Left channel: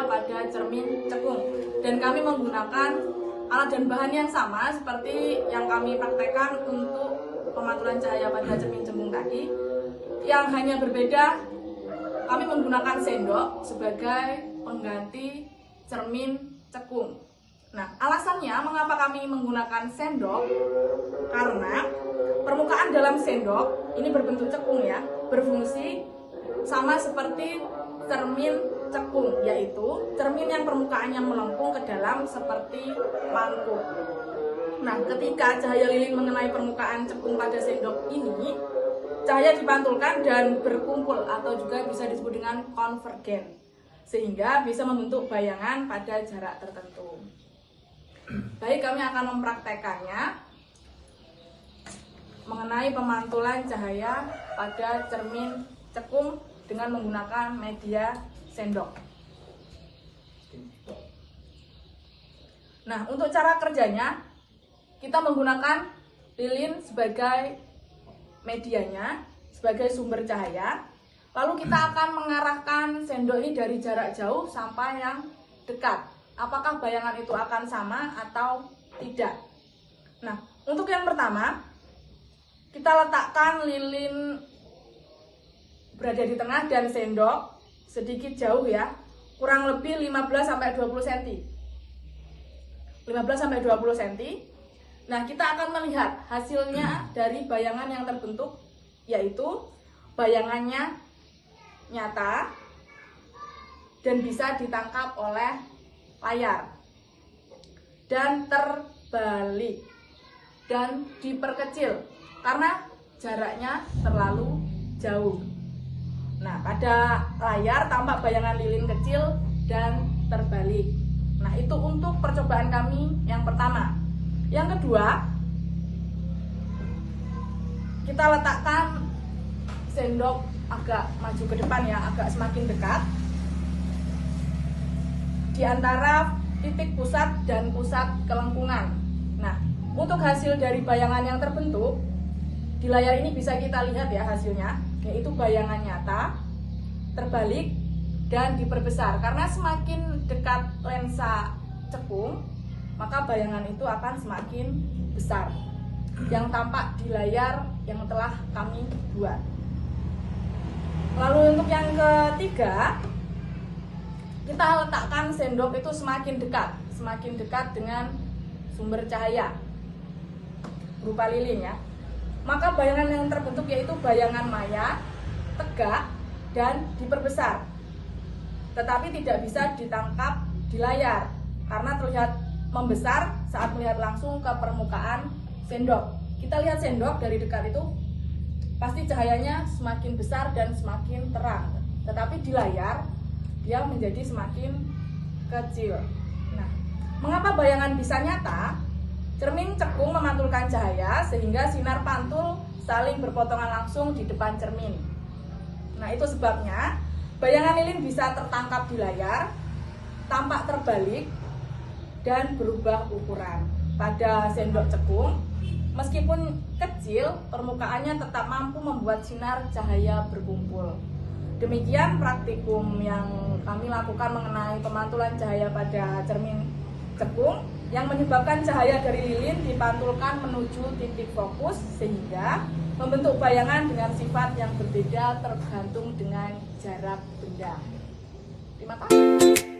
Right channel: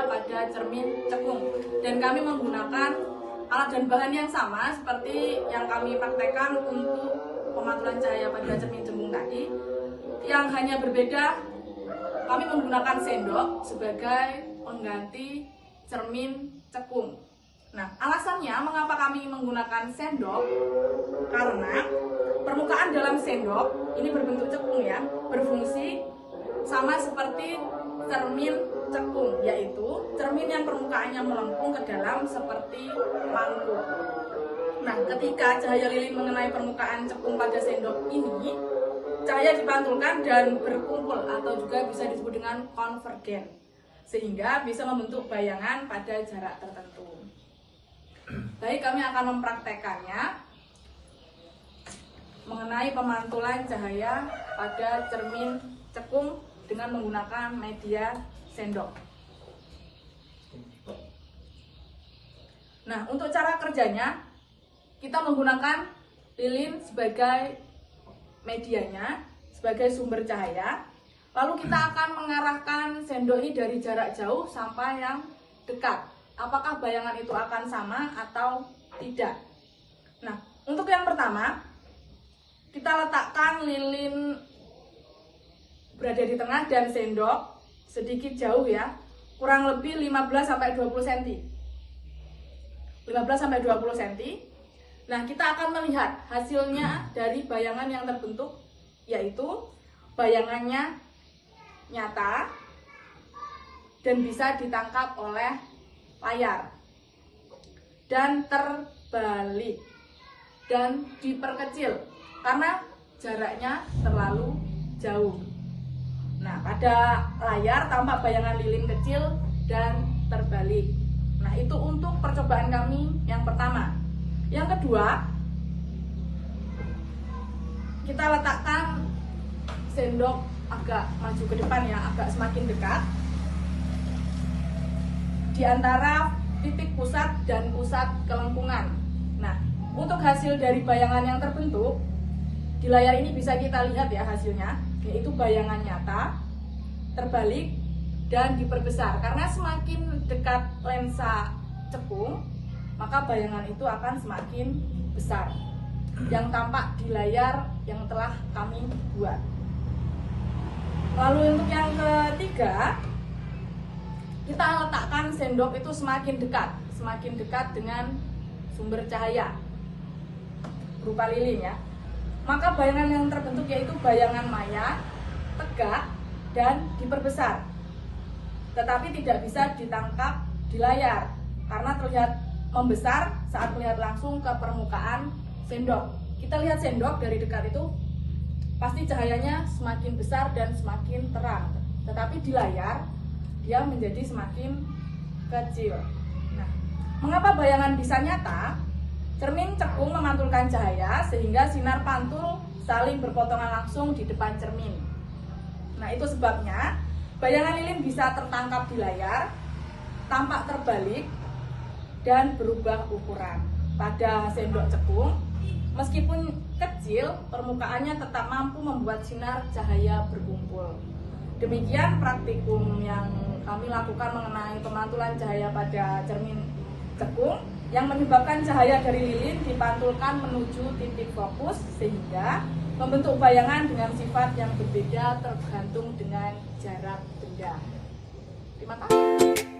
cahaya pada cermin cekung. Dan kami menggunakan alat dan bahan yang sama seperti yang kami praktekkan untuk pemantulan cahaya pada cermin cekung tadi. Yang hanya berbeda, kami menggunakan sendok sebagai pengganti cermin cekung. Nah, alasannya mengapa kami menggunakan sendok? Karena permukaan dalam sendok ini berbentuk cekung ya, berfungsi sama seperti cermin cekung, yaitu cermin yang permukaannya melengkung ke dalam seperti mangkuk. Nah, ketika cahaya lilin mengenai permukaan cekung pada sendok ini, cahaya dipantulkan dan berkumpul atau juga bisa disebut dengan konvergen, sehingga bisa membentuk bayangan pada jarak tertentu. Baik, kami akan mempraktekannya mengenai pemantulan cahaya pada cermin cekung dengan menggunakan media sendok. Nah, untuk cara kerjanya, kita menggunakan lilin sebagai medianya, sebagai sumber cahaya. Lalu kita akan mengarahkan sendok ini dari jarak jauh sampai yang dekat. Apakah bayangan itu akan sama atau tidak? Nah, untuk yang pertama, kita letakkan lilin berada di tengah dan sendok sedikit jauh ya, kurang lebih 15-20 cm. 15-20 cm. Nah, kita akan melihat hasilnya dari bayangan yang terbentuk, yaitu bayangannya nyata dan bisa ditangkap oleh layar dan terbalik dan diperkecil karena jaraknya terlalu jauh. Nah, pada layar tampak bayangan lilin kecil dan terbalik. Nah, itu untuk percobaan kami yang pertama. Yang kedua, kita letakkan sendok agak maju ke depan ya, agak semakin dekat di antara titik pusat dan pusat kelengkungan. Nah, untuk hasil dari bayangan yang terbentuk di layar ini bisa kita lihat ya hasilnya, yaitu bayangan nyata, terbalik, dan diperbesar. Karena semakin dekat lensa cekung, maka bayangan itu akan semakin besar yang tampak di layar yang telah kami buat. Lalu untuk yang ketiga, kita letakkan sendok itu semakin dekat dengan sumber cahaya berupa lilin ya. Maka bayangan yang terbentuk yaitu bayangan maya, tegak, dan diperbesar. Tetapi tidak bisa ditangkap di layar karena terlihat membesar saat melihat langsung ke permukaan sendok. Kita lihat sendok dari dekat itu pasti cahayanya semakin besar dan semakin terang. Tetapi di layar dia menjadi semakin kecil. Nah, mengapa bayangan bisa nyata? Cermin cekung memantulkan cahaya sehingga sinar pantul saling berpotongan langsung di depan cermin. Nah, itu sebabnya bayangan lilin bisa tertangkap di layar, tampak terbalik, dan berubah ukuran. Pada sendok cekung, meskipun kecil, permukaannya tetap mampu membuat sinar cahaya berkumpul. Demikian praktikum yang kami lakukan mengenai pemantulan cahaya pada cermin cekung yang menyebabkan cahaya dari lilin dipantulkan menuju titik fokus sehingga membentuk bayangan dengan sifat yang berbeda tergantung dengan jarak benda. Terima kasih.